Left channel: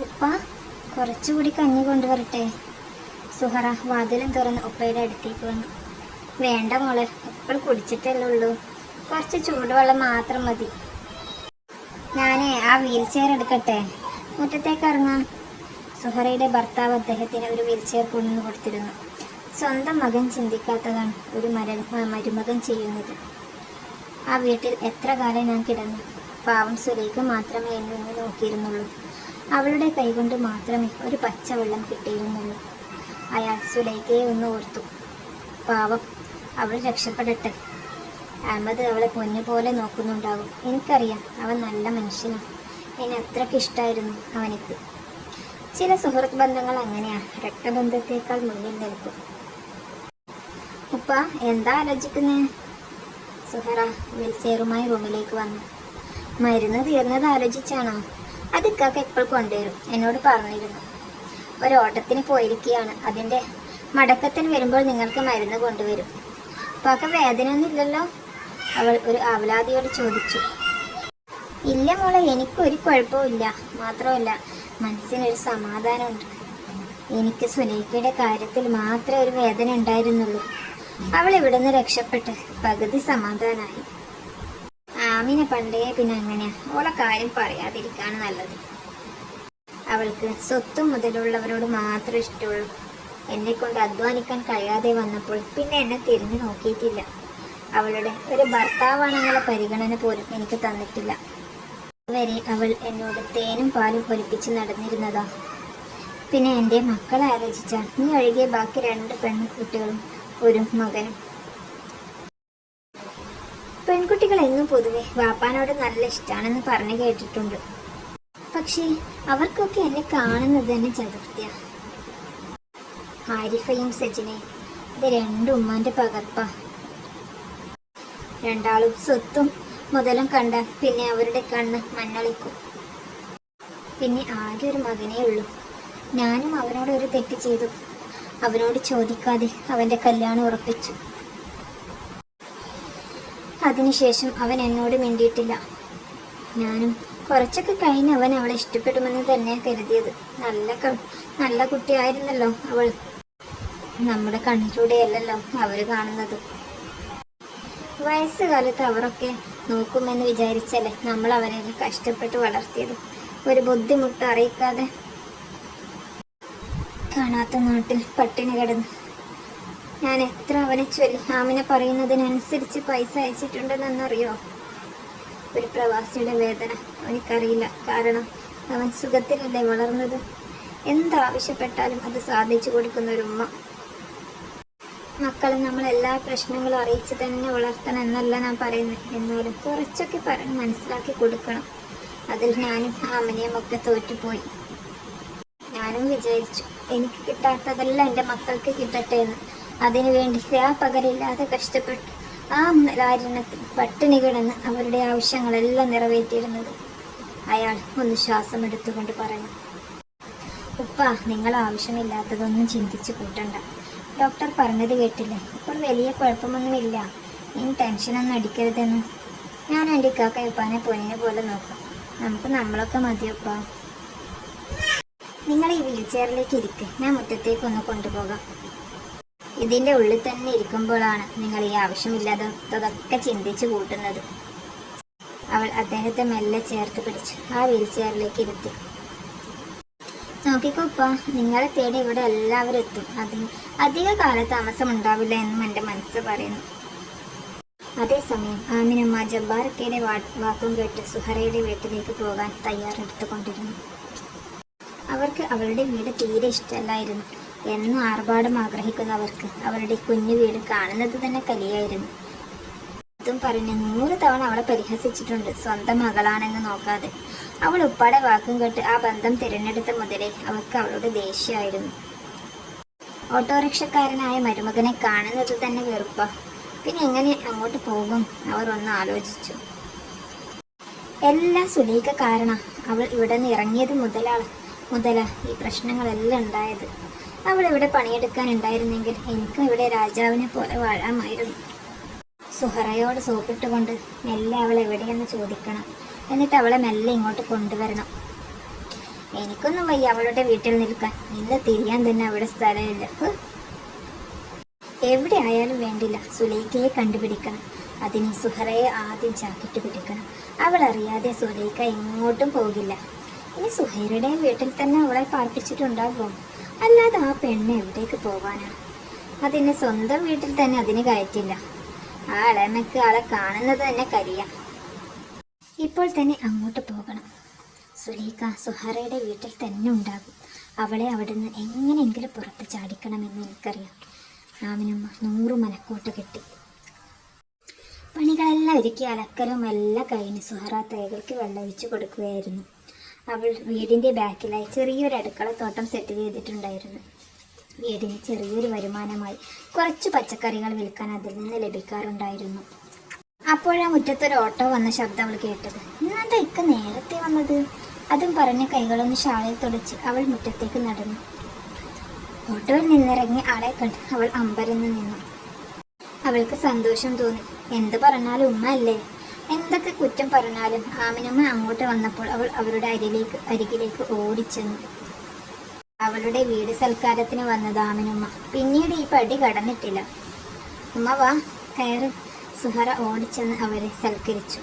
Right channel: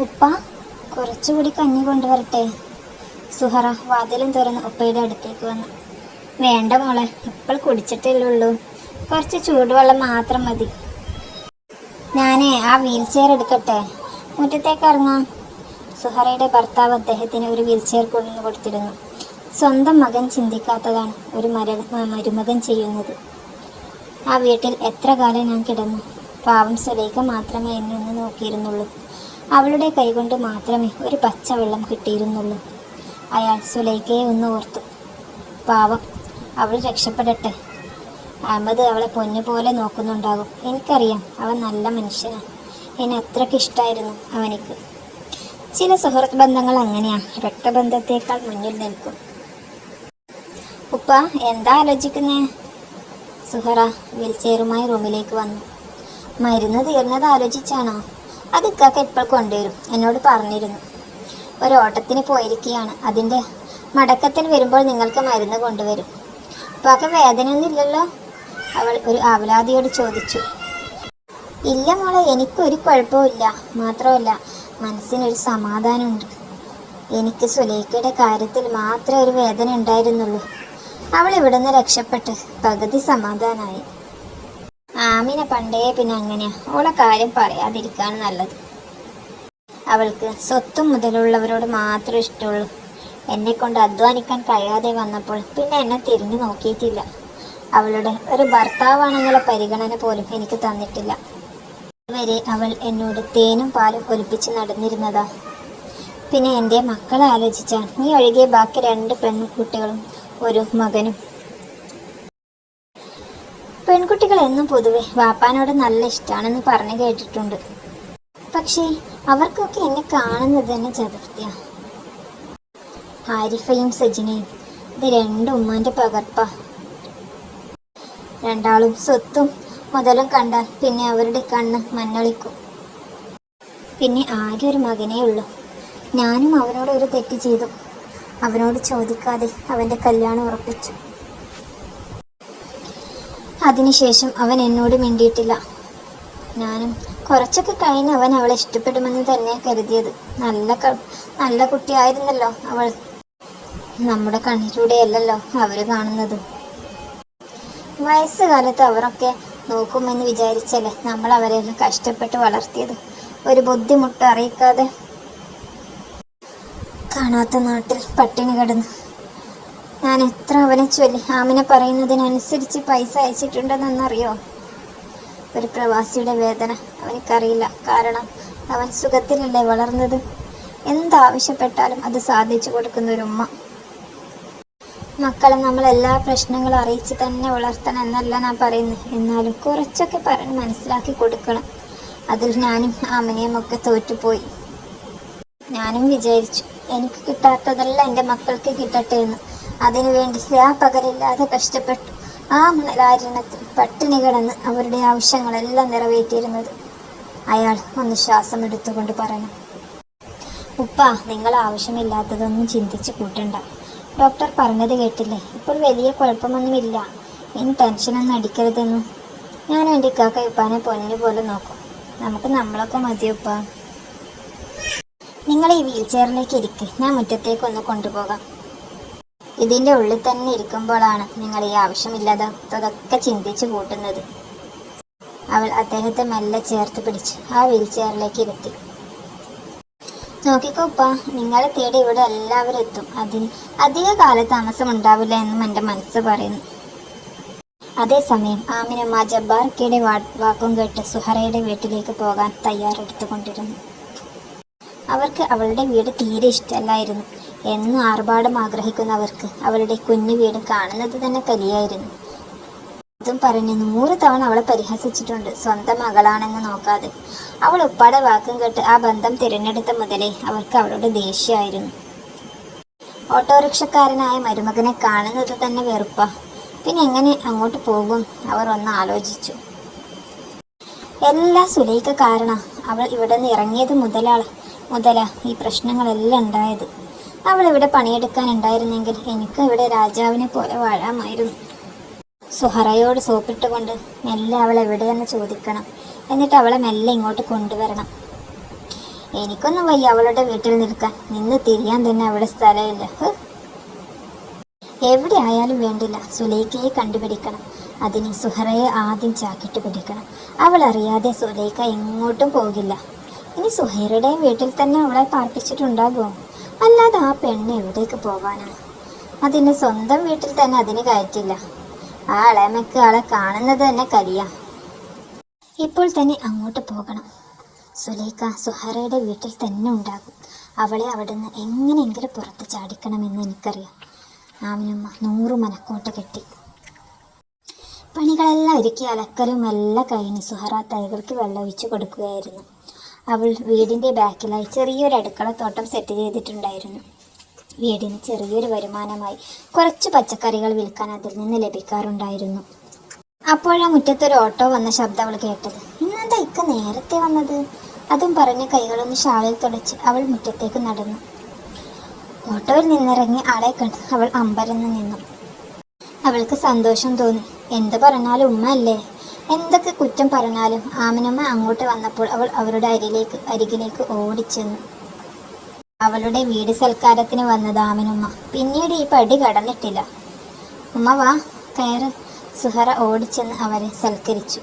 ഉപ്പ കുറച്ചുകൂടി കഞ്ഞി കൊണ്ടുവരട്ടെ. സുഹറ വാതിലും തുറന്ന് ഉപ്പയുടെ അടുത്തേക്ക് വന്നു. വേണ്ട മോളെ ഇപ്പോൾ കുടിച്ചിട്ടല്ലേ ഉള്ളൂ. കുറച്ച് ചൂടുവെള്ളം മാത്രം മതി. ഞാനേ ആ വീൽ ചെയർ എടുക്കട്ടെ? മുറ്റത്തേക്ക് ഇറങ്ങാം. സുഹറയുടെ ഭർത്താവ് അദ്ദേഹത്തിന് ഒരു വീൽ ചെയർ കൊണ്ടുവന്ന് കൊടുത്തിരുന്നു. സ്വന്തം മകൻ ചിന്തിക്കാത്തതാണ് ഒരു മര മരുമകൻ ചെയ്യുന്നത്. ആ വീട്ടിൽ എത്ര കാലം ഞാൻ കിടന്നു? പാവം സുലേഖ മാത്രമേ എന്നെ നോക്കിയിരുന്നുള്ളൂ. അവളുടെ കൈകൊണ്ട് മാത്രമേ ഒരു പച്ചവെള്ളം കിട്ടിയിരുന്നുള്ളൂ. അയാൾ സുലൈഖയെ ഒന്ന് ഓർത്തു. പാവം അവൾ രക്ഷപ്പെടട്ടെ. അഹമ്മദ് അവളെ പൊന്നുപോലെ നോക്കുന്നുണ്ടാകും. എനിക്കറിയാം അവൻ നല്ല മനുഷ്യനാണ് എന്നെ അത്രയ്ക്ക് ഇഷ്ടമായിരുന്നു അവനിക്ക്. ചില സുഹൃത്ത് ബന്ധങ്ങൾ അങ്ങനെയാണ് രക്തബന്ധത്തേക്കാൾ മുന്നിൽ നിൽക്കും. ഉപ്പ എന്താ ആലോചിക്കുന്നേ? സുഹറ വീൽചെയറുമായി റൂമിലേക്ക് വന്നു. മരുന്ന് തീർന്നത് ആലോചിച്ചാണോ? അത് ഇക്കാക്ക ഇപ്പോൾ കൊണ്ടുവരും. എന്നോട് പറഞ്ഞിരുന്നു. ഒരു ഓട്ടത്തിന് പോയിരിക്കുകയാണ്. അതിന്റെ മടക്കത്തിന് വരുമ്പോൾ നിങ്ങൾക്ക് മരുന്ന് കൊണ്ടുവരും. ഉപ്പാക്ക് വേദനയൊന്നുമില്ലല്ലോ? അവൾ ഒരു ആവലാതിയോട് ചോദിച്ചു. ഇല്ല മോളെ എനിക്കൊരു കുഴപ്പമില്ല മാത്രമല്ല മനസ്സിനൊരു സമാധാനമുണ്ട്. എനിക്ക് സുലേഖയുടെ കാര്യത്തിൽ മാത്രമേ ഒരു വേദന ഉണ്ടായിരുന്നുള്ളൂ. അവൾ ഇവിടുന്ന് രക്ഷപ്പെട്ട് പകുതി സമാധാനായി. ആമിനെ പണ്ടേ പിന്നെ അങ്ങനെയാ. അവളെ കാര്യം പറയാതിരിക്കാണ് നല്ലത്. അവൾക്ക് സ്വത്തും മുതലുള്ളവരോട് മാത്രം ഇഷ്ടമുള്ളൂ. എന്നെ കൊണ്ട് അധ്വാനിക്കാൻ കഴിയാതെ വന്നപ്പോൾ പിന്നെ എന്നെ തിരിഞ്ഞു നോക്കിയിട്ടില്ല. അവളുടെ ഒരു ഭർത്താവാണെന്നുള്ള പരിഗണന പോലും എനിക്ക് തന്നിട്ടില്ല. വരെ അവൾ എന്നോട് തേനും പാലും ഒലിപ്പിച്ച് നടന്നിരുന്നതാ. പിന്നെ എന്റെ മക്കളെ ആലോചിച്ചാൽ നീ ഒഴികെ ബാക്കി രണ്ട് പെൺകുട്ടികളും ഒരു മകനും എന്നും പൊതുവെ വാപ്പാനോട് നല്ല ഇഷ്ടമാണെന്ന് പറഞ്ഞു കേട്ടിട്ടുണ്ട്. പക്ഷേ അവർക്കൊക്കെ എന്നെ കാണുന്നത് തന്നെ ചതുർത്ഥ്യ. ഹാരിഫയും സജിനയും ഇത് രണ്ടും ഉമ്മാന്റെ പകർപ്പ. രണ്ടാളും സ്വത്തും മുതലും കണ്ടാൽ പിന്നെ അവരുടെ കണ്ണ് മഞ്ഞളിക്കും. പിന്നെ ആകെ ഒരു മകനേ ഉള്ളൂ. ഞാനും അവനോട് ഒരു തെറ്റ് ചെയ്തു. അവനോട് ചോദിക്കാതെ അവന്റെ കല്യാണം ഉറപ്പിച്ചു. അതിനുശേഷം അവൻ എന്നോട് മിണ്ടിയിട്ടില്ല. ഞാനും കുറച്ചൊക്കെ കഴിഞ്ഞ് അവൻ അവളെ ഇഷ്ടപ്പെടുമെന്ന് തന്നെ കരുതിയത്. നല്ല നല്ല കുട്ടിയായിരുന്നല്ലോ അവൾ. നമ്മുടെ കണ്ണിലൂടെയല്ലല്ലോ അവർ കാണുന്നത്. വയസ്സുകാലത്ത് അവരൊക്കെ നോക്കുമെന്ന് വിചാരിച്ചല്ലേ നമ്മൾ അവരെ കഷ്ടപ്പെട്ട് വളർത്തിയത്. ഒരു ബുദ്ധിമുട്ട് അറിയിക്കാതെ കാണാത്ത നാട്ടിൽ പട്ടിണി കിടന്നു ഞാൻ എത്ര അവനെ ചൊല്ലി? ആമിനെ പറയുന്നതിനനുസരിച്ച് പൈസ അയച്ചിട്ടുണ്ടെന്നറിയോ? ഒരു പ്രവാസിയുടെ വേദന. അവനിക്കറിയില്ല. കാരണം അവൻ സുഖത്തിലല്ലേ വളർന്നത്? എന്താവശ്യപ്പെട്ടാലും അത് സാധിച്ചു കൊടുക്കുന്ന ഒരു ഉമ്മ. മക്കളെ നമ്മൾ എല്ലാ പ്രശ്നങ്ങളും അറിയിച്ച് തന്നെ വളർത്തണം എന്നല്ല ഞാൻ പറയുന്നത് എന്നാലും കുറച്ചൊക്കെ പറഞ്ഞ് മനസ്സിലാക്കി കൊടുക്കണം. അതിൽ ഞാനും ആമിനെയും ഒക്കെ തോറ്റുപോയി. ഞാനും വിചാരിച്ചു എനിക്ക് കിട്ടാത്തതെല്ലാം എന്റെ മക്കൾക്ക് കിട്ടട്ടെ എന്ന്. അതിനുവേണ്ടി രാപ്പകലില്ലാതെ കഷ്ടപ്പെട്ടു. ആ മണലാരണത്തിൽ പട്ടിണി കിടന്ന് അവരുടെ ആവശ്യങ്ങളെല്ലാം നിറവേറ്റിയിരുന്നത്. അയാൾ ഒന്ന് ശ്വാസം എടുത്തുകൊണ്ട് പറഞ്ഞു ഉപ്പ നിങ്ങൾ ആവശ്യമില്ലാത്തതൊന്നും ചിന്തിച്ച് കൂട്ടണ്ട. ഡോക്ടർ പറഞ്ഞത് കേട്ടില്ലേ? ഇപ്പോൾ വലിയ കുഴപ്പമൊന്നുമില്ല. ഇനി ടെൻഷനൊന്നും അടിക്കരുതെന്നും. ഞാൻ എന്റെ ഇക്കാക്ക ഇപ്പാനെ പൊന്നു പോലെ നോക്കും. നമുക്ക് നമ്മളൊക്കെ മതിയപ്പ നിങ്ങൾ ഈ വീൽ ചെയറിലേക്ക് ഇരിക്ക്. ഞാൻ മുറ്റത്തേക്കൊന്ന് കൊണ്ടുപോകാം. ഇതിന്റെ ഉള്ളിൽ തന്നെ ഇരിക്കുമ്പോഴാണ് നിങ്ങൾ ഈ ആവശ്യമില്ലാത്തതൊക്കെ ചിന്തിച്ച് കൂട്ടുന്നത്. അവൾ അദ്ദേഹത്തെ മെല്ലെ ചേർത്ത് പിടിച്ചു ആ വീൽ ചെയറിലേക്ക് ഇരുത്തി. നോക്കിക്കോപ്പ നിങ്ങളെ തേടി ഇവിടെ എല്ലാവരും എത്തും. അതിന് അധിക കാലതാമസം ഉണ്ടാവില്ല എന്നും എന്റെ മനസ്സ് പറയുന്നു. അതേസമയം ആമിനുമ്മ ജബ്ബാർക്കയുടെ വാക്കും കേട്ട് സുഹറയുടെ വീട്ടിലേക്ക് പോകാൻ തയ്യാറെടുത്തുകൊണ്ടിരുന്നു. അവർക്ക് അവളുടെ വീട് തീരെ ഇഷ്ടമല്ലായിരുന്നു. എന്നും ആർഭാടം ആഗ്രഹിക്കുന്നവർക്ക് അവളുടെ കുഞ്ഞു വീട് കാണുന്നത് തന്നെ കലിയായിരുന്നു. ഇതും പറഞ്ഞ് നൂറ് തവണ അവളെ പരിഹസിച്ചിട്ടുണ്ട്. സ്വന്തം മകളാണെന്ന് നോക്കാതെ. അവൾ ഉപ്പാടെ വാക്കും കേട്ട് ആ ബന്ധം തിരഞ്ഞെടുത്ത മുതലേ അവർക്ക് അവളോട് ദേഷ്യമായിരുന്നു. ഓട്ടോറിക്ഷക്കാരനായ മരുമകനെ കാണുന്നത് തന്നെ വെറുപ്പ. പിന്നെ എങ്ങനെ അങ്ങോട്ട് പോകും? അവർ ഒന്ന് ആലോചിച്ചു. എല്ലാ സുലൈക്ക കാരണ അവൾ ഇവിടെ നിന്ന് ഇറങ്ങിയത് മുതലാണ് മുതല ഈ പ്രശ്നങ്ങളെല്ലാം ഉണ്ടായത്. അവൾ ഇവിടെ പണിയെടുക്കാൻ ഉണ്ടായിരുന്നെങ്കിൽ എനിക്ക് ഇവിടെ രാജാവിനെ പോലെ വാഴാമായിരുന്നു. സുഹറയോട് സോപ്പിട്ടുകൊണ്ട് മെല്ലെ അവൾ എവിടെയെന്ന് ചോദിക്കണം. എന്നിട്ട് അവളെ മെല്ലെ ഇങ്ങോട്ട് കൊണ്ടുവരണം. എനിക്കൊന്നും വയ്യ അവളുടെ വീട്ടിൽ നിൽക്കാൻ. നിന്ന് തിരിയാൻ തന്നെ അവിടെ സ്ഥലമില്ല. എവിടെ ആയാലും വേണ്ടില്ല. സുലൈഖയെ കണ്ടുപിടിക്കണം. അതിന് സുഹറയെ ആദ്യം ചാക്കിട്ട് പിടിക്കണം. അവൾ അറിയാതെ സുലൈഖ എങ്ങോട്ടും പോകില്ല. ഇനി സുഹൈറയുടെയും വീട്ടിൽ തന്നെ അവളെ പാർപ്പിച്ചിട്ടുണ്ടാകുമോ? അല്ലാതെ ആ പെണ്ണ് എവിടേക്ക് പോകാനാ? അതിന് സ്വന്തം വീട്ടിൽ തന്നെ അതിന് കയറ്റില്ല. ആ ഇളമയ്ക്ക് ആളെ കാണുന്നത് തന്നെ കരിയാ ഇപ്പോൾ തന്നെ അങ്ങോട്ട് പോകണം. സുലൈഖ സുഹറയുടെ വീട്ടിൽ തന്നെ ഉണ്ടാകും. അവളെ അവിടുന്ന് എങ്ങനെയെങ്കിലും പുറത്ത് ചാടിക്കണമെന്ന് എനിക്കറിയാം. ആമിനമ്മ നൂറ് മനക്കോട്ട് കെട്ടി. പണികളെല്ലാം ഒരുക്കി അലക്കലും എല്ലാം കഴിഞ്ഞ് സുഹറ തൈകൾക്ക് വെള്ളമൊഴിച്ചു കൊടുക്കുകയായിരുന്നു. അവൾ വീടിന്റെ ബാക്കിലായി ചെറിയൊരു അടുക്കളത്തോട്ടം സെറ്റ് ചെയ്തിട്ടുണ്ടായിരുന്നു. വീടിന് ചെറിയൊരു വരുമാനമായി കുറച്ച് പച്ചക്കറികൾ വിൽക്കാൻ അതിൽ നിന്ന് ലഭിക്കാറുണ്ടായിരുന്നു. അപ്പോഴാ മുറ്റത്തൊരു ഓട്ടോ വന്ന ശബ്ദം അവൾ കേട്ടത്. ഇന്നെന്താ ഇക്ക നേരത്തെ വന്നത്? അതും പറഞ്ഞ് കൈകളൊന്ന് ഷാളിൽ തുടച്ച് അവൾ മുറ്റത്തേക്ക് നടന്നു. ഓട്ടോയിൽ നിന്നിറങ്ങി ആളെ കണ്ട് അവൾ അമ്പരന്ന് നിന്നു. അവൾക്ക് സന്തോഷം തോന്നി. എന്ത് പറഞ്ഞാലും ഉമ്മ അല്ലേ? എന്തൊക്കെ കുറ്റം പറഞ്ഞാലും ആമിനമ്മ അങ്ങോട്ട് വന്നപ്പോൾ അവൾ അവരുടെ അരിലേക്ക് അരികിലേക്ക് ഓടിച്ചെന്നു. അവളുടെ വീട് സൽക്കാരത്തിന് വന്നത് ആമിനുമ്മ. പിന്നീട് ഈ പടി കടന്നിട്ടില്ല. ഉമ്മ വാ കയറ്. സുഹറ ഓടിച്ചെന്ന് അവരെ സൽക്കരിച്ചു.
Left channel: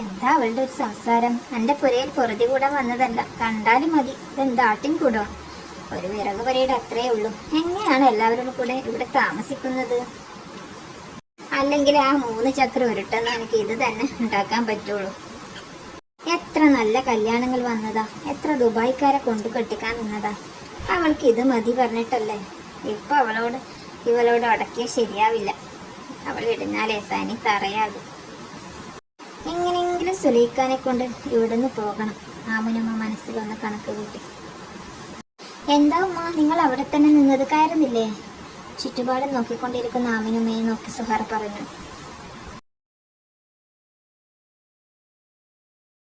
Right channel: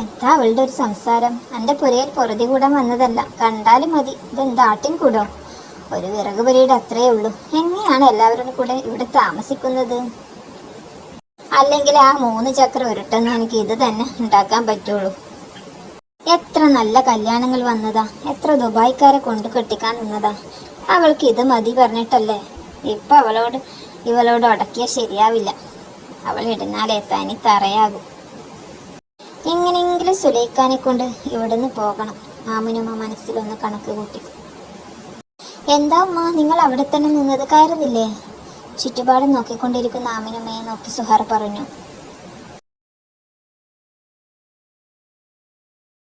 എന്താ അവളുടെ ഒരു സംസാരം? എന്റെ പുരയിൽ പൊറുതി കൂടാൻ വന്നതല്ല. കണ്ടാലും മതി. ഇതെന്താ ആട്ടിൻ കൂടോ? ഒരു വിറക് പുരയുടെ അത്രയേ ഉള്ളൂ. എങ്ങനെയാണ് എല്ലാവരുടെ കൂടെ ഇവിടെ താമസിക്കുന്നത്? അല്ലെങ്കിൽ ആ മൂന്ന് ചക്രം ഉരുട്ടെന്ന് എനിക്ക് ഇത് തന്നെ ഉണ്ടാക്കാൻ പറ്റുള്ളൂ. എത്ര നല്ല കല്യാണങ്ങൾ വന്നതാ. എത്ര ദുബായ്ക്കാരെ കൊണ്ട് കെട്ടിക്കാൻ നിന്നതാ. അവൾക്ക് ഇത് മതി പറഞ്ഞിട്ടല്ലേ? ഇപ്പൊ അവളോട് ഇവളോട് അടക്കിയ ശരിയാവില്ല. അവൾ ഇടുന്നാലേ തനി തറയാകും. എങ്ങനെയെങ്കിലും സുലൈഖാനെ കൊണ്ട് ഇവിടുന്ന് പോകണം. ആമിനുമ്മ മനസ്സിലൊന്ന് കണക്ക് കൂട്ടി. എന്താ അമ്മ നിങ്ങൾ അവിടെ തന്നെ നിന്നത്. കയറുന്നില്ലേ? ചുറ്റുപാടും നോക്കിക്കൊണ്ടിരിക്കുന്ന ആമിനുമേ നോക്കി സുഹാർ പറഞ്ഞു.